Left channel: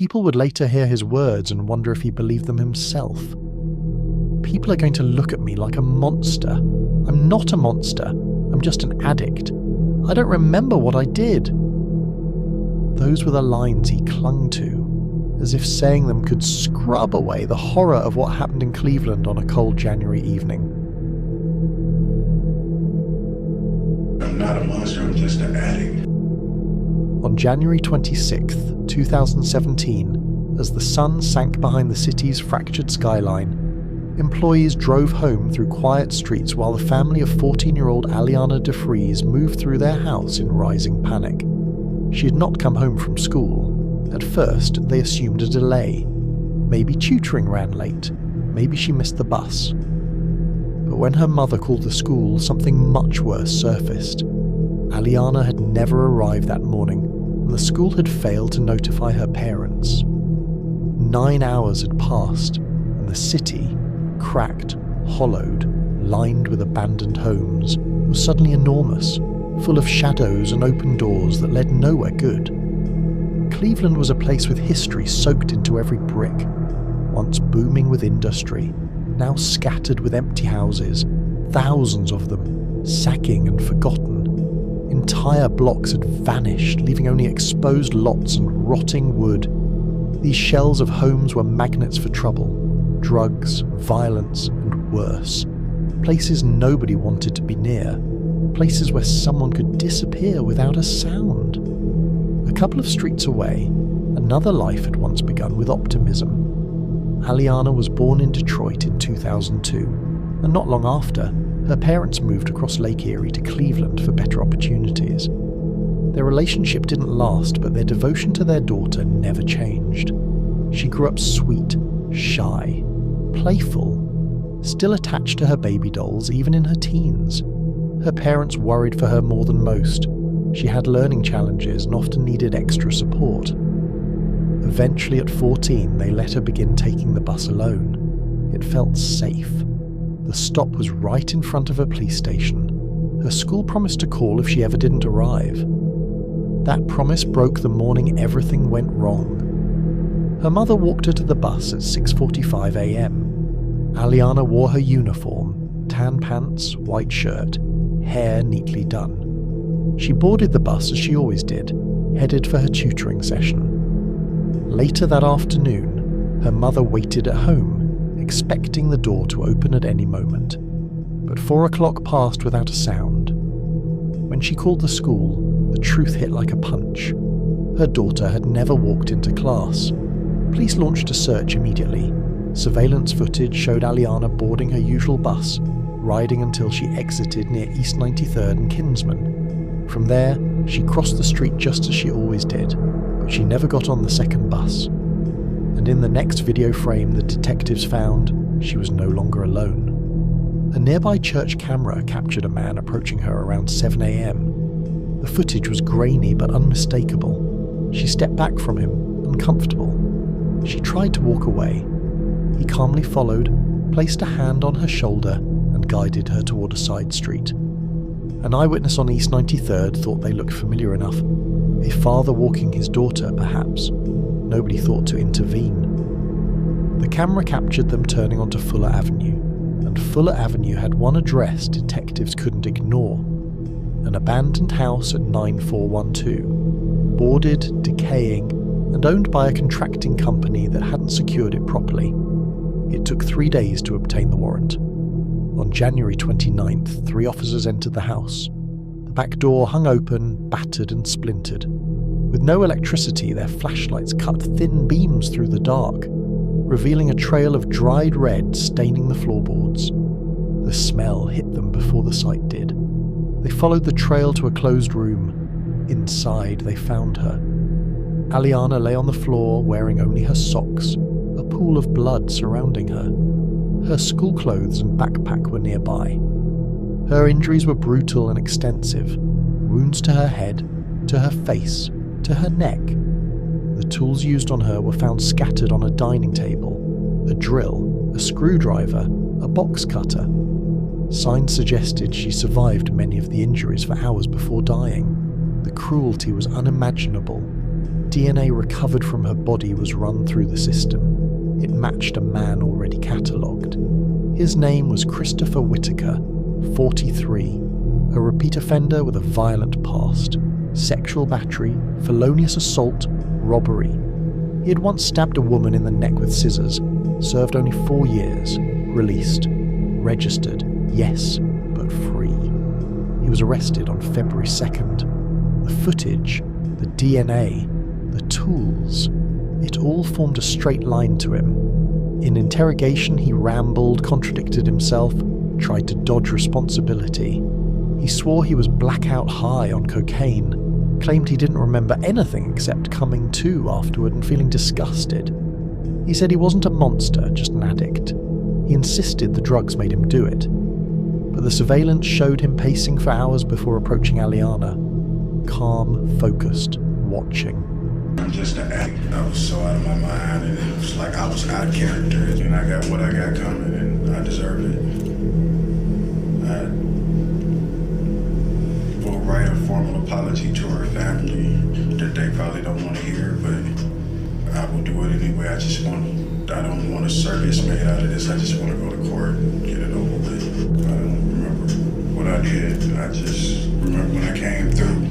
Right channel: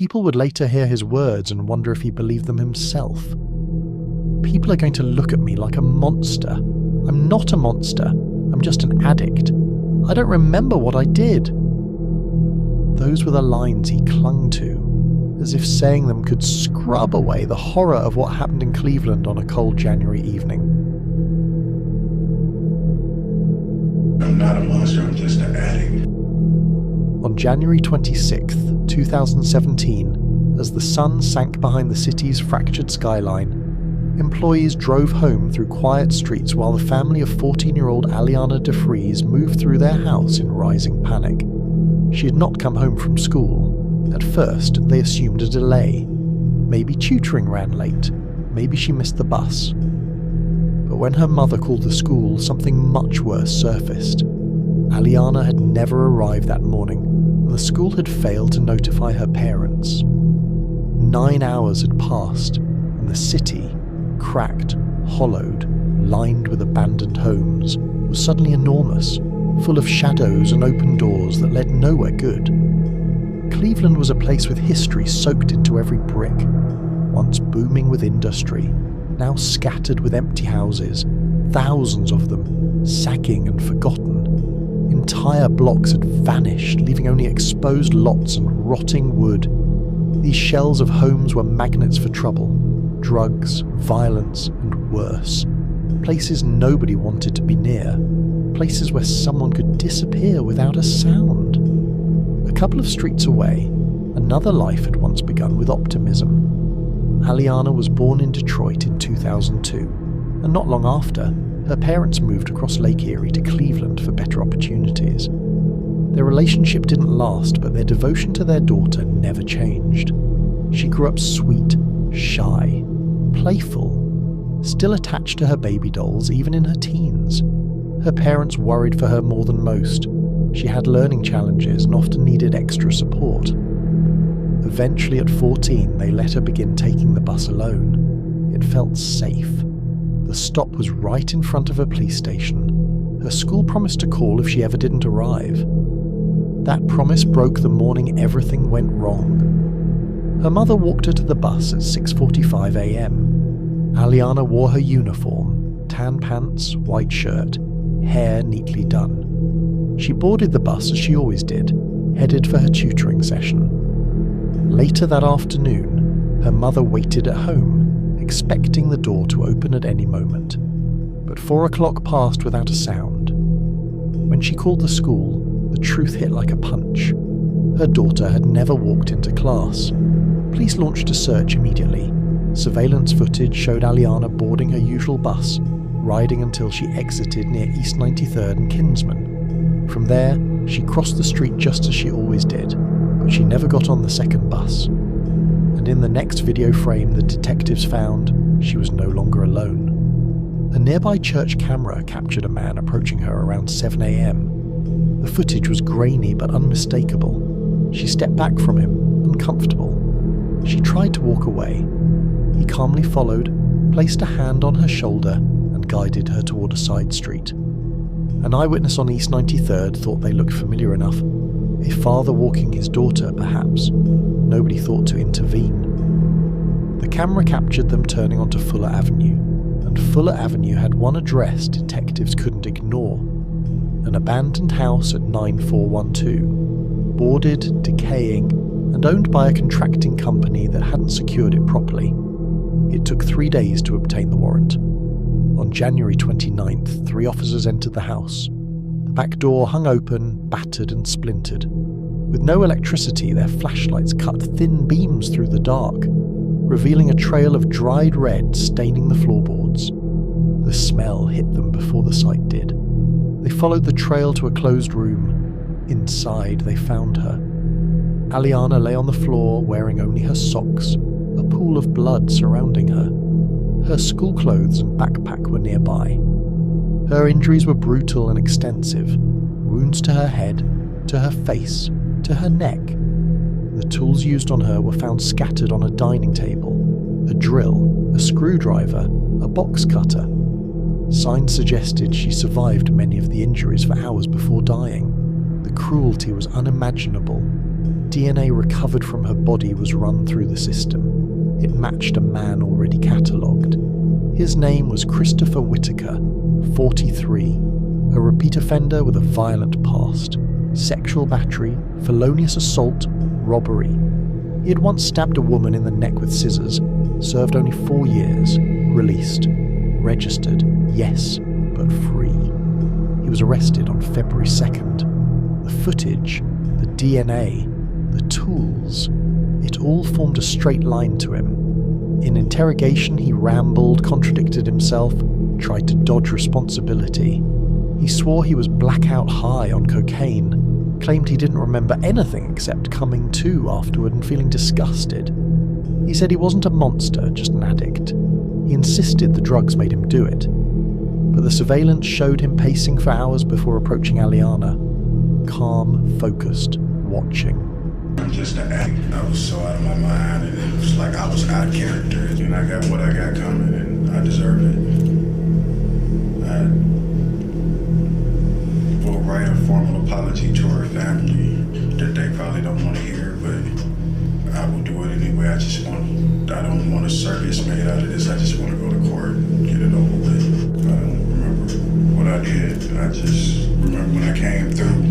People would later hear his words and wonder if he believed them himself. People are going to look at me like a monster. I'm not a monster. I'm just an addict. I don't remember what I did. Those were the lines he clung to, as if saying them could scrub away the horror of what happened in Cleveland on a cold January evening. I'm not a monster, I'm just an addict. On January 26th, 2017, as the sun sank behind the city's fractured skyline, employees drove home through quiet streets while the family of 14-year-old Alianna DeFreeze moved through their house in rising panic. She had not come home from school. At first, they assumed a delay. Maybe tutoring ran late. Maybe she missed the bus. But when her mother called the school, something much worse surfaced. Alianna had never arrived that morning, and the school had failed to notify her parents. 9 hours had passed, and the city, cracked, hollowed, lined with abandoned homes, was suddenly enormous, full of shadows and open doors that led nowhere good. Cleveland was a place with history soaked into every brick, once booming with industry, now scattered with empty houses, thousands of them, sagging and forgotten. Entire blocks had vanished, leaving only exposed lots and rotting wood. These shells of homes were magnets for trouble, drugs, violence, and worse. Places nobody wanted to be near. Places where someone could disappear without a sound. A couple of streets away, another life had once begun with optimism. Alianna was born in Detroit in 2002, and not long after, her parents moved across Lake Erie to Cleveland for better opportunities. Their relationship didn't last, but their devotion to their daughter never changed. She grew up sweet, shy, playful, still attached to her baby dolls even in her teens. Her parents worried for her more than most. She had learning challenges and often needed extra support. Eventually at 14, they let her begin taking the bus alone. It felt safe. The stop was right in front of a police station. Her school promised to call if she ever didn't arrive. That promise broke the morning everything went wrong. Her mother walked her to the bus at 6:45 a.m. Alianna wore her uniform, tan pants, white shirt, hair neatly done. She boarded the bus as she always did, headed for her tutoring session. Later that afternoon, her mother waited at home, expecting the door to open at any moment. But 4 o'clock passed without a sound. When she called the school, the truth hit like a punch. Her daughter had never walked into class. Police launched a search immediately. Surveillance footage showed Alianna boarding her usual bus, riding until she exited near East 93rd and Kinsman. From there, she crossed the street just as she always did, but she never got on the second bus. And in the next video frame the detectives found, she was no longer alone. A nearby church camera captured a man approaching her around 7 a.m. The footage was grainy but unmistakable. She stepped back from him, uncomfortable. She tried to walk away. He calmly followed, placed a hand on her shoulder, and guided her toward a side street. An eyewitness on East 93rd thought they looked familiar enough. A father walking his daughter, perhaps. Nobody thought to intervene. The camera captured them turning onto Fuller Avenue, and Fuller Avenue had one address detectives couldn't ignore. An abandoned house at 9412, boarded, decaying, and owned by a contracting company that hadn't secured it properly. It took 3 days to obtain the warrant. On January 29th, 3 officers entered the house. The back door hung open, battered and splintered. With no electricity, their flashlights cut thin beams through the dark, revealing a trail of dried red staining the floorboards. The smell hit them before the sight did. They followed the trail to a closed room. Inside, they found her. Alianna lay on the floor, wearing only her socks, a pool of blood surrounding her. Her school clothes and backpack were nearby. Her injuries were brutal and extensive. Wounds to her head, to her face, to her neck. The tools used on her were found scattered on a dining table. A drill, a screwdriver, a box cutter. Signs suggested she survived many of the injuries for hours before dying. The cruelty was unimaginable. DNA recovered from her body was run through the system. It matched a man already catalogued. His name was Christopher Whitaker, 43, a repeat offender with a violent past, sexual battery, felonious assault, robbery. He had once stabbed a woman in the neck with scissors, served only 4 years, released, registered, yes, but free. He was arrested on February 2nd. The footage, the DNA, the tools, it all formed a straight line to him. In interrogation, he rambled, contradicted himself, tried to dodge responsibility. He swore he was blackout high on cocaine, claimed he didn't remember anything except coming to afterward and feeling disgusted. He said he wasn't a monster, just an addict. He insisted the drugs made him do it. But the surveillance showed him pacing for hours before approaching Alianna. Calm, focused, watching. I'm just an addict. I was so out of my mind, and it was like I was out of character, and I got what I got coming, and I deserve it. I will write a formal apology to her family that they probably don't want to hear, but I will do it anyway. I don't want a circus made out of this. I just want to go to court and get it over with. I don't remember what I did. I just remember when I came through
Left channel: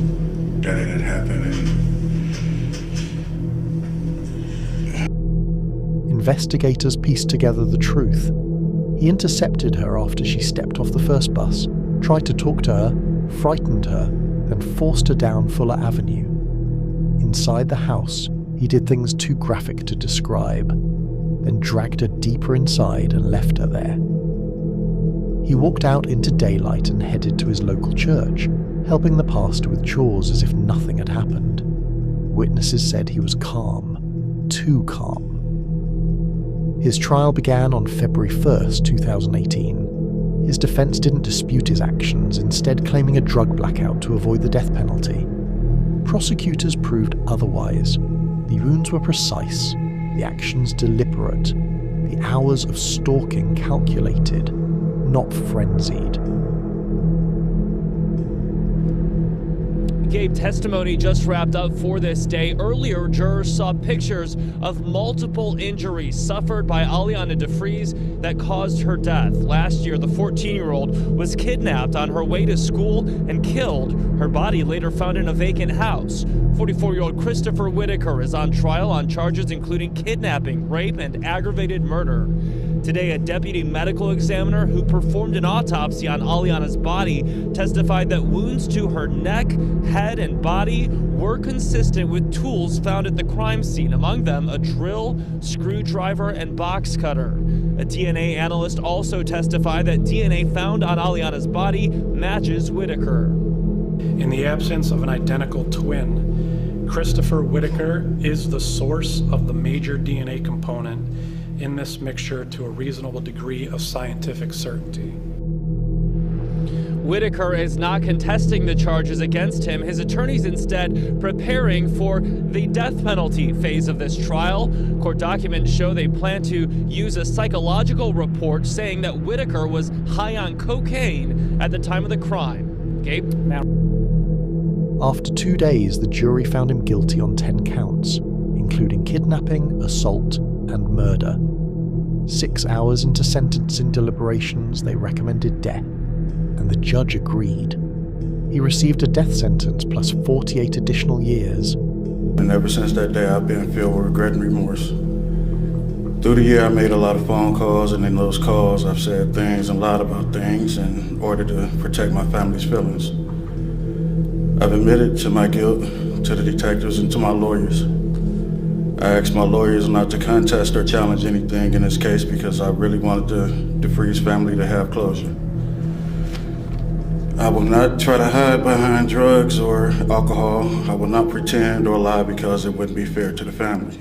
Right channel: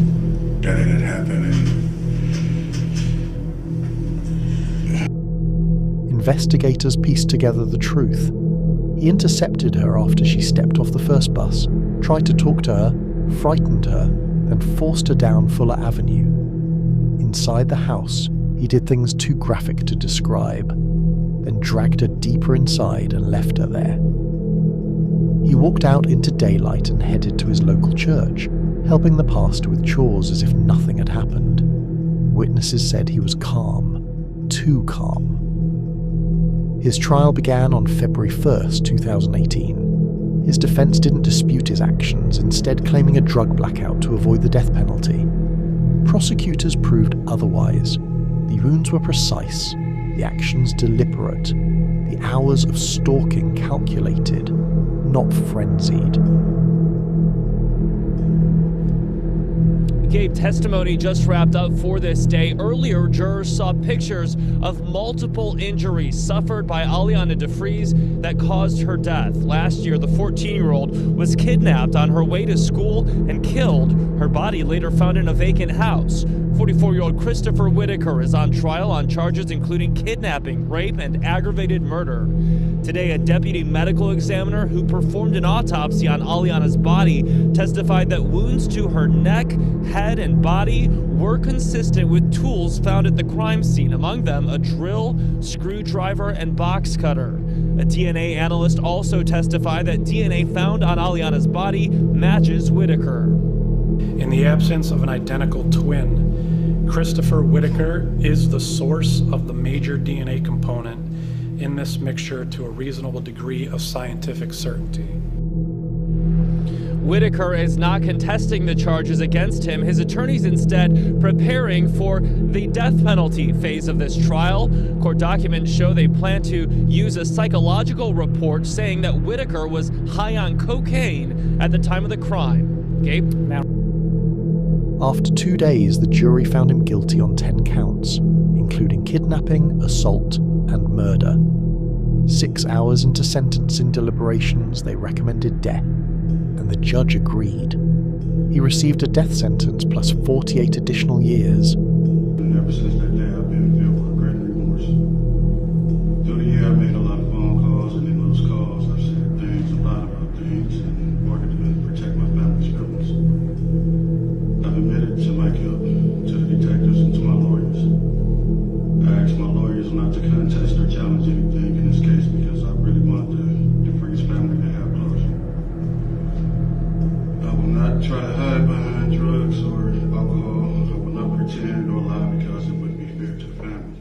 that it had happened, and investigators pieced together the truth. He intercepted her after she stepped off the first bus, tried to talk to her, frightened her, then forced her down Fuller Avenue. Inside the house, he did things too graphic to describe, then dragged her deeper inside and left her there. He walked out into daylight and headed to his local church, helping the pastor with chores as if nothing had happened. Witnesses said he was calm, too calm. His trial began on February 1st, 2018. His defense didn't dispute his actions, instead claiming a drug blackout to avoid the death penalty. Prosecutors proved otherwise. The wounds were precise, the actions deliberate, the hours of stalking calculated, not frenzied. Gabe, testimony just wrapped up for this day. Earlier, jurors saw pictures of multiple injuries suffered by Alianna DeFreeze that caused her death. Last year, the 14-year-old was kidnapped on her way to school and killed. Her body later found in a vacant house. 44-year-old Christopher Whitaker is on trial on charges including kidnapping, rape, and aggravated murder. Today, a deputy medical examiner who performed an autopsy on Alianna's body testified that wounds to her neck, head, and body were consistent with tools found at the crime scene, among them a drill, screwdriver, and box cutter. A DNA analyst also testified that DNA found on Alianna's body matches Whitaker. In the absence of an identical twin, Christopher Whitaker is the source of the major DNA component in this mixture to a reasonable degree of scientific certainty. Whitaker is not contesting the charges against him. His attorney's instead preparing for the death penalty phase of this trial. Court documents show they plan to use a psychological report saying that Whitaker was high on cocaine at the time of the crime. Gabe? After 2 days, the jury found him guilty on 10 counts, including kidnapping, assault, and murder. 6 hours into sentencing deliberations, they recommended death, and the judge agreed. He received a death sentence plus 48 additional years. And ever since that day, I've been filled with regret and remorse. Through the year, I made a lot of phone calls, and in those calls, I've said things and lied about things in order to protect my family's feelings. I've admitted to my guilt to the detectives and to my lawyers. I asked my lawyers not to contest or challenge anything in this case because I really wanted the DeFreeze family to have closure. I will not try to hide behind drugs or alcohol. I will not pretend or lie because it wouldn't be fair to the family.